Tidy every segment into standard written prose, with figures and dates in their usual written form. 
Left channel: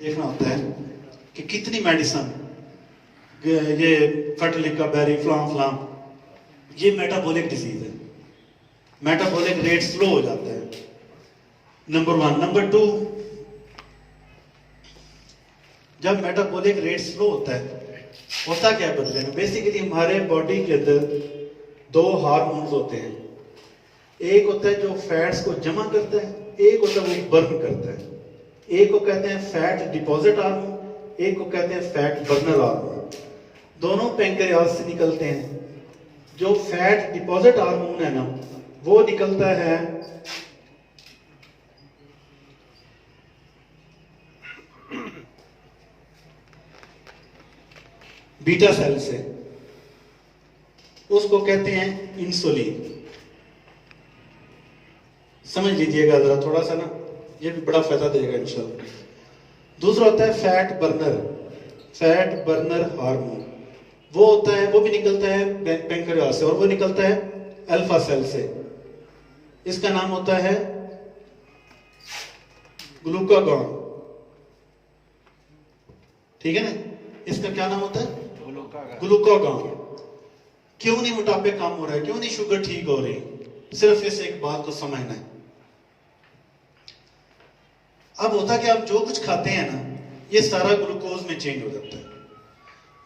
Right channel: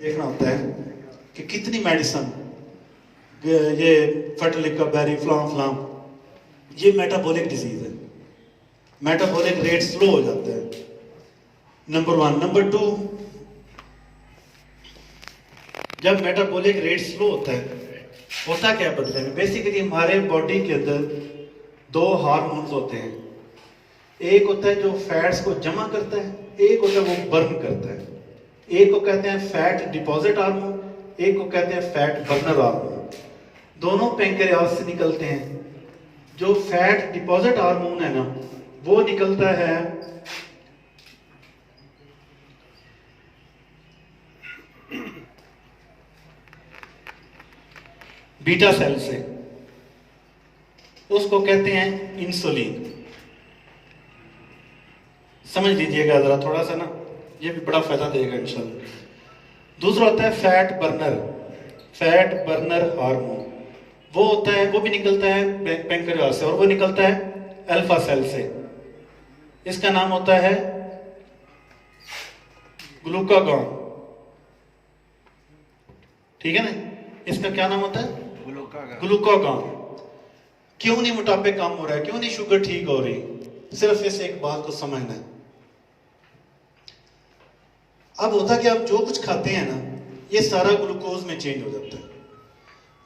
देखना होता है कि कितनी मेडिसिन ये फर्टिलिका बेरी फ्लाम फ्लाम ये मेटाबॉलिक डिजीज है। मेटाबॉलिक रेट स्लो हो जाता है, नंबर वन। नंबर टू, जब मेटाबॉलिक रेट स्लो होता है, होता क्या है बदले में? बेसिकली हमारे बॉडी के अंदर दो हार्मोन्स होते हैं। एक होता है जो फैट्स को जमा करता है, एक होता है वो बर्न करता है। एक को कहते हैं फैट डिपॉजिट हार्मोन, एक को कहते हैं फैट बर्नर हार्मोन। दोनों पैंक्रियास से निकलते हैं। जो फैट डिपॉजिट हार्मोन है ना, वो निकलता है बीटा सेल से, उसको कहते हैं इंसुलिन। समझ लीजिएगा जरा थोड़ा सा ना, ये भी बड़ा फायदा देगा इंशाल्लाह। दूसरा होता है फैट बर्नर हार्मोन। वो होता है, वो भी निकलता है पैंक्रियास से, और वो निकलता है अल्फा सेल से। इसका नाम होता है ग्लूकागॉन। ठीक है ना? इसका क्या नाम होता है? ग्लूकागॉन। क्यों नहीं मोटापे कम हो रहा है, क्यों नहीं शुगर ठीक हो रही? सिर्फ इस एक बात को समझना है। अब होता क्या, आप जो कुछ खाते हैं ना, ये सारा ग्लूकोज में चेंज हो जाता है।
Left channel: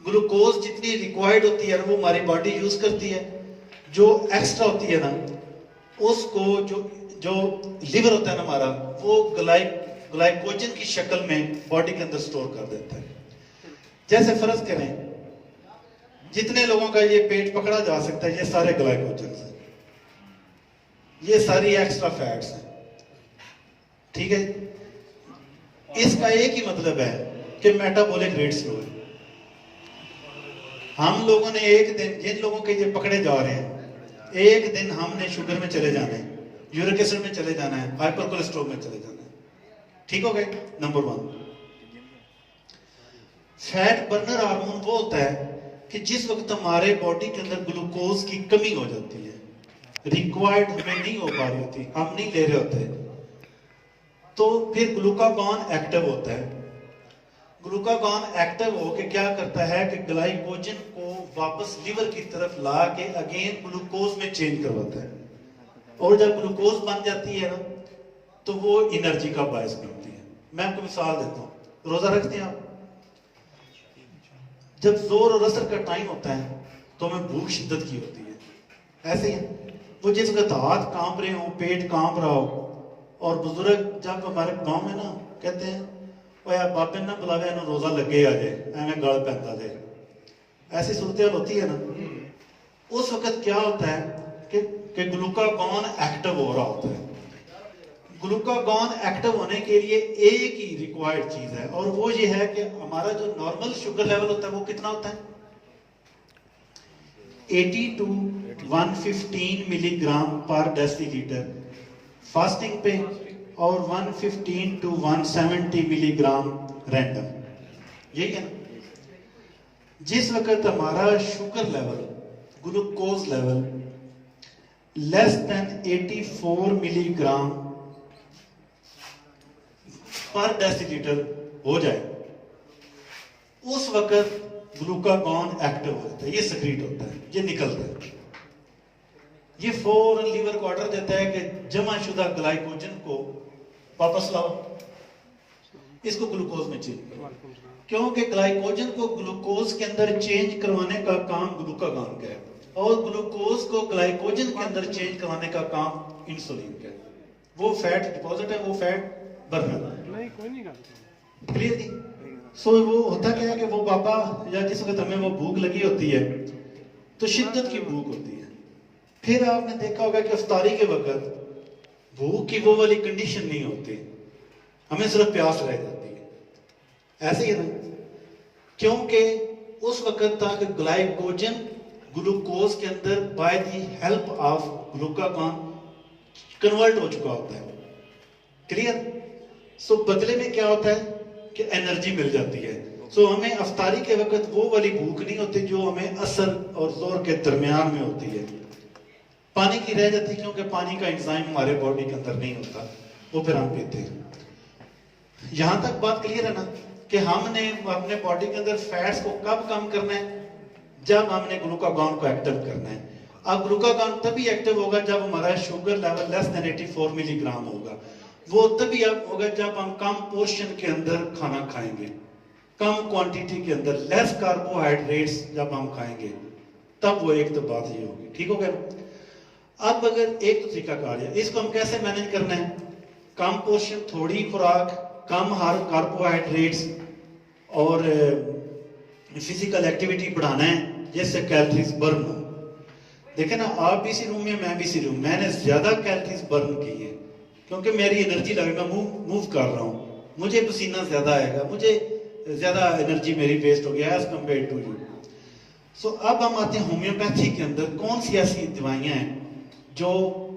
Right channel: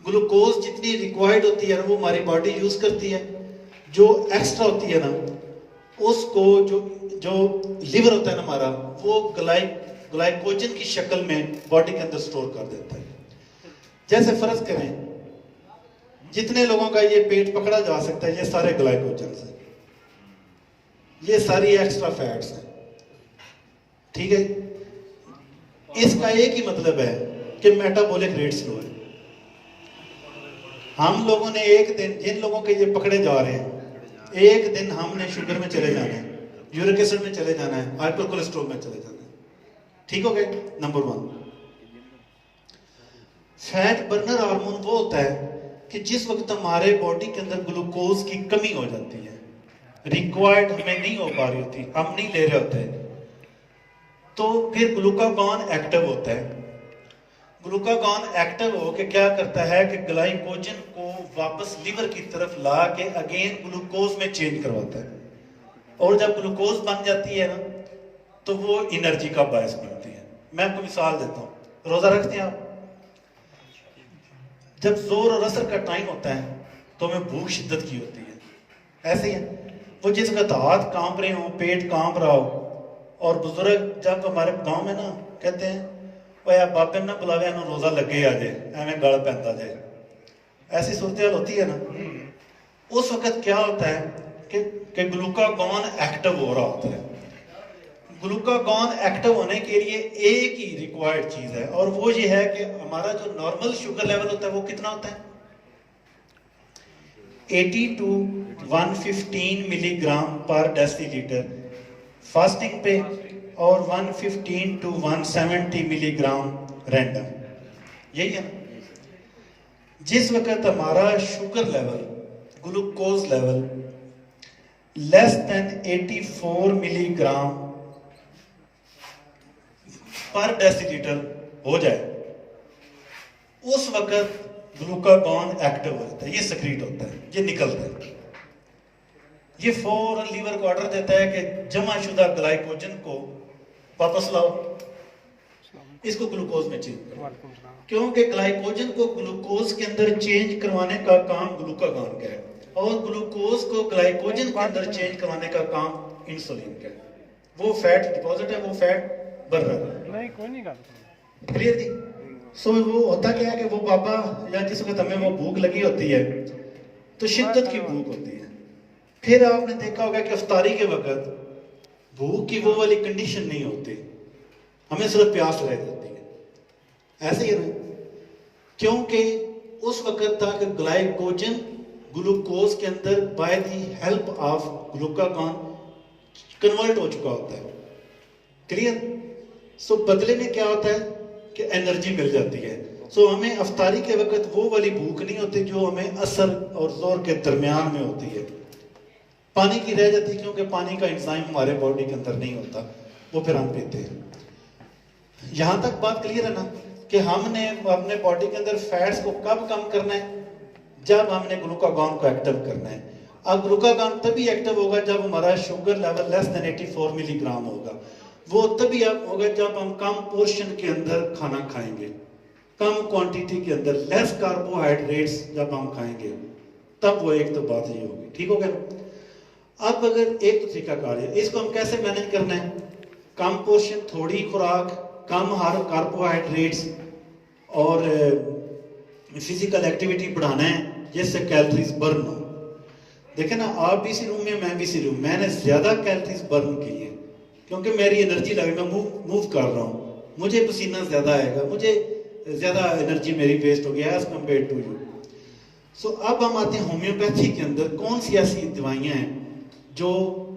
ग्लूकोज जितनी रिक्वायर्ड होती है वो हमारी बॉडी यूज करती है। जो एक्स्ट्रा होती है ना, उसको जो लिवर होता है ना हमारा, वो ग्लाइकोजन की शक्ल में बॉडी के अंदर स्टोर कर देता है। जैसे फर्ज करें, जितने लोगों का ये पेट पकड़ा जा सकता है, ये सारे ग्लाइकोजन है, ये सारी एक्स्ट्रा फैट्स हैं। ठीक है? इसका एक ही मतलब है कि मेटाबॉलिक रेट स्लो है। हम लोगों ने एक दिन, जिन लोगों के ये पकड़े जा रहे हैं, एक दिन हमने शुगर में चले जाना है, यूरिक एसिड में चले जाना है, हाइपर कोलेस्ट्रॉल में चले जाना है। ठीक हो गए? Number one. Fat burner hormone वो होता है कि जिस वक्त हमारे बॉडी के अंदर ग्लूकोज की कमी हो जाती है, रिक्वायर्ड हमें नहीं हो पा रही होती, हम नहीं ले रहे होते, तो फिर ग्लूकागॉन एक्टिव होता है। ग्लूकागॉन एक्टिव होकर क्या करता है कि ग्लाइकोजन को वापस लिवर की तरफ ला के अगेन ग्लूकोज में चेंज करवाता है। और जब ग्लूकोज बन जाती है ना, तो वो एनर्जी का बायस बनती है। मैं आपको मिसाल देता हूँ। रोजा रखते हैं आप, जब जोर और असर का टाइम होता है तो हमें भूख शिद्दत की होती है। ऐसे ही है, वो जिस वक्त हाथ कांप रहे हो, पेट कांप रहा हो, और बुजुर्ग जब हमारे गांव में ना कहते हैं, ओए आप बाबे ना बुलावे, इन्हों रोजा लगे आ जाए, एवं गल पैंदा जाए, ऐसी सूरत होती है ना, उस वक्त क्या होता है कि ग्लूकागॉन एक्टिव हो रहा होता है। ग्लूकागॉन एक्टिव होने के लिए एक ही रिक्वायर्ड चीज है, और वो ये है कि हमारा जो नॉर्मल शुगर लेवल होता है वो कितना होता है? 80 to 115 मिलीग्राम पर डेसीलीटर फास्टिंग पे, और 115 to 170 मिलीग्राम रैंडम। यही है ना? जिस वक्त हमारा sugar level, glucose level less than 84 milligram पर डेसीलीटर हो जाए, उस वक्त ग्लूकागॉन एक्टिव हो जाता है, ये सक्रीट होता है, ये निकलता है। ये फौरन लीवर को ऑर्डर देता है कि जमा शुदा ग्लाइकोजन को वापस लाओ, इसको ग्लूकोज में चेंज करो। क्योंकि ग्लाइकोजन को ग्लूकोज के अंदर चेंज करवाने का काम ग्लूकागॉन का है, और ग्लूकोज को ग्लाइकोजन के अंदर चेंज करवाने का काम इंसुलिन का है। वो फैट डिपॉजिट है, वो फैट बर्नर है। क्लियर नहीं? सो वो होता क्या है कि वो बाबा, या जिस वक्त हमें वो भूख लगी होती है, तो शिद्दत की भूख होती है। फिर आपने देखा होगा कि इफ्तारी के वक्त भूख की वो वाली कंडीशन नहीं होती, हमें सिर्फ प्यास रह जाती है। ऐसे ही है ना? क्योंकि उस वक्त तक ग्लाइकोजन ग्लूकोज के अंदर by the help of glucagon convert हो चुका होता है। क्लियर? सो बदले में क्या होता है कि एनर्जी मिल जाती है। सो हमें इफ्तारी के वक्त वो वाली भूख नहीं होती जो हमें असर और जोर के दरमियान में होती है। पानी की रह जाती है, क्योंकि पानी का एंजाइम हमारे बॉडी के अंदर नहीं होता, वो फिर हम पीते हैं। यहां तक बात क्लियर है ना कि हमने अपने बॉडी के अंदर फैट्स को कब कम करना है, जब हमने ग्लूकागॉन को एक्टिव करना है। अब ग्लूकागॉन तभी एक्टिव होगा जब हमारा sugar level less than 84 milligram होगा। वो तभी अब होगा जब हम कम पोर्शन के अंदर खाना खाएंगे, कम क्वांटिटी के अंदर, लेस कार्बोहाइड्रेट्स जब हम खाएंगे, तब वो एक तो बात ये होगी। ठीक हो गया। अब अगर एक तो तरीकाकार है, इसको हम कैसे मैनेज करना है? कम पोर्शन, थोड़ी खुराक, कम हर कार्बोहाइड्रेट्स और फिजिकल एक्टिविटी बढ़ाना है जिससे कैलोरीज बर्न हो। देखे ना, आप भी इसी रूम में, मैं भी इसी रूम, मैंने ज्यादा कैलोरीज बर्न की है क्योंकि मेरी एनर्जी लगेगा, मूव कर रहा हूँ, मुझे पसीना ज्यादा आएगा, मुझे ज्यादा एनर्जी मेरी वेस्ट हो गया एज कम्पेयर टू यू। सो अब हम आते हैं होम्योपैथी के अंदर कौन सी ऐसी दवाइयां हैं जो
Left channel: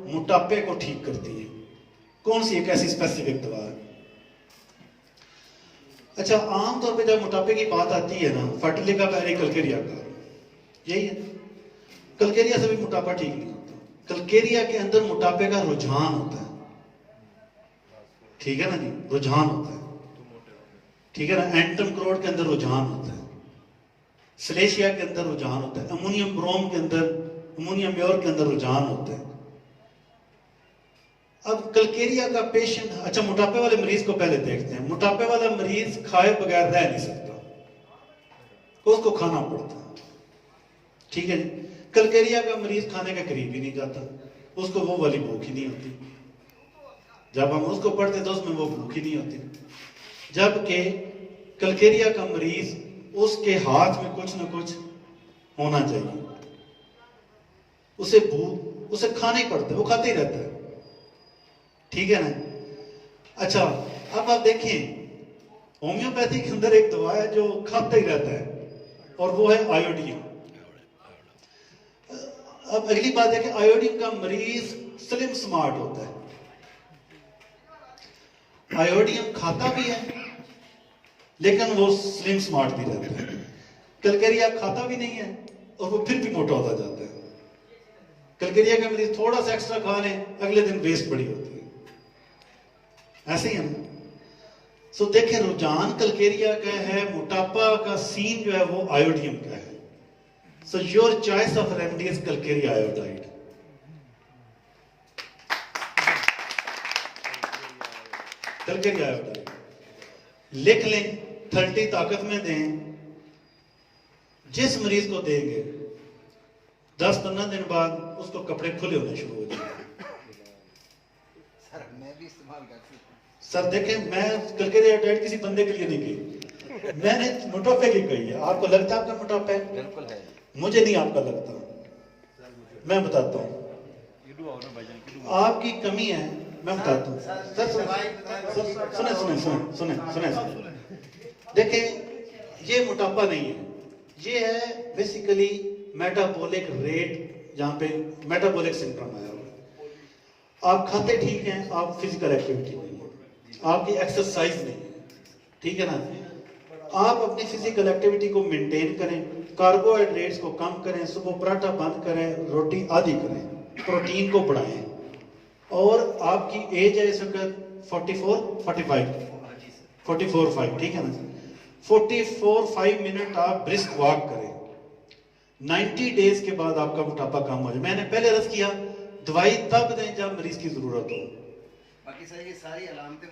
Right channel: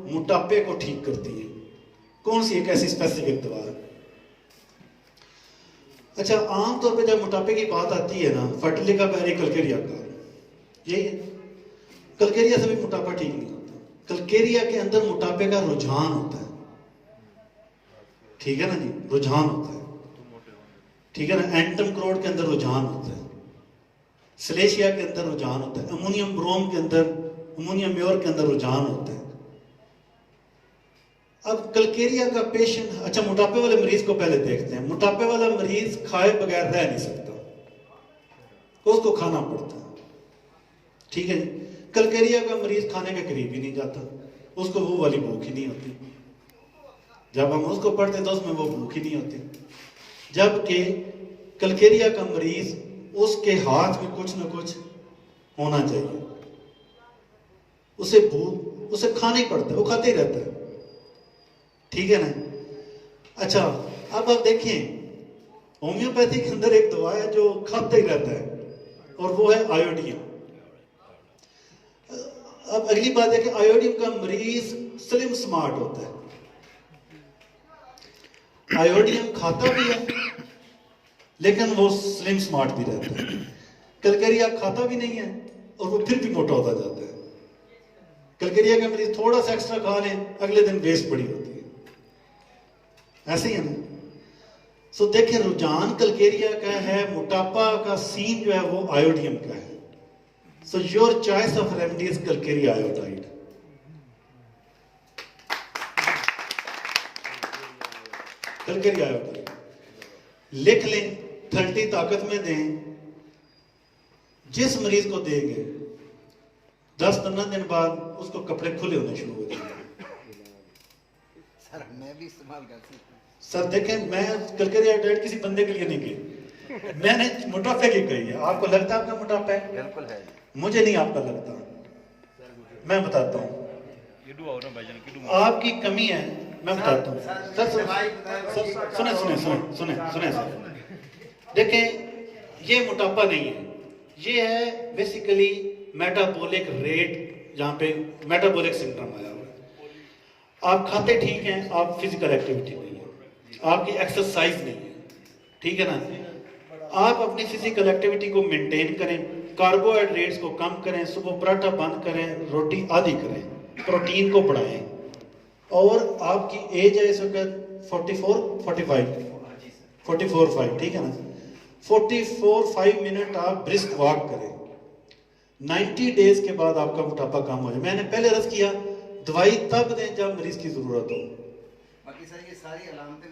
मोटापे को ठीक करती हैं, कौन सी एक ऐसी स्पेसिफिक दवा है। अच्छा, आमतौर पे जब मोटापे की बात आती है ना, फर्टिलिका का एक कलकेरिया का, यही है। कलकेरिया से भी मोटापा ठीक नहीं होता। कलकेरिया के अंदर मोटापे का रुझान होता है, ठीक है ना जी, रुझान होता है, ठीक है ना। एंटम क्रोड के अंदर रुझान होता है, सलेशिया के अंदर रुझान होता है, अमोनियम ब्रोम के अंदर, अमोनियम म्योर के अंदर रुझान होता है। अब कलकेरिया का पेशेंट, अच्छा मोटापे वाले मरीज को पहले देखते हैं। मोटापे वाला मरीज खाए बगैर रह नहीं सकता, उसको खाना पड़ता है, ठीक है जी। कलकेरिया का मरीज खाने के करीब ही नहीं जाता, उसको वो वाली भूख ही नहीं होती। जब हम उसको पढ़ते तो उसमें वो भूख ही नहीं होती। जबकि कलकेरिया का मरीज, उसके हाथ में कुछ ना कुछ होना चाहिए, उसे भूख, उसे खाना ही पड़ता है, वो खाते ही रहता है, ठीक है ना। अच्छा, अब आप देखिए होम्योपैथी के अंदर एक दवा है जो खाते ही रहता है और वो है आयोडीन। अब अगली बात है कि आयोडीन का मरीज स्लिम स्मार्ट होता है। आयोडीन खाता भी है लेकिन वो स्लिम स्मार्ट भी रहता है। कलकेरिया खाता भी नहीं है और वो फिर भी मोटा होता जाता है। कलकेरिया का मरीज थोड़ा सा एक्स्ट्रा खा ले, अगले दिन वेस्ट बड़ी होती है, ऐसे ही है ना। सो देखें, रुझान कलकेरिया का है, मोटापा का सीन जो है वो आयोडीन का है। So your choice of remedy is Calcarea iodide. Calcarea iodide लिख लें, 30 ताकत में दें। जिस मरीज को देंगे 10-15 दिन बाद उसको कपड़े खुले होने शुरू हो जाएंगे। सर मैं भी इस्तेमाल करती हूँ। सर देखें, मैं कलकेरिया आयोडाइड किसी बंदे के लिए नहीं की, मैंने मोटापे की कही है। आपको लगता है आपका मोटापा है? बिल्कुल है। मुझे नहीं आपका लगता, मैं बताता हूँ आपकी कमी है, मैं बताता हूँ। सर सुने सुने सुने सुने सुने सर, देखें ये मोटापा नहीं है, ये है बेसिकली मेटाबॉलिक रेट, जहाँ पे मेटाबॉलिक सिंड्रोम आया हुआ है। आप खाते ठीक हैं, आप फिजिकल एक्टिविटी नहीं है, आपकी एक्सरसाइज नहीं है, ठीक है ना। आप अपनी फिजिकल एक्टिविटी को मेंटेन करें, कार्बोहाइड्रेट्स को कम करें, सुबह पराठा बंद करें, रोटी आधी करें, प्रोटीन को बढ़ाएं। और आपकी एज है इस वक्त 44-45, ठीक है ना। 44-5 मिनट आप ब्रिस्क वॉक करें, 90 डेज के बाद आपका मोटापा कम हो जाए। मैंने पहले अर्ज किया, दवाई तब दें जब मरीज की जरूरत हो। बाकी सर ये सारी अलामतें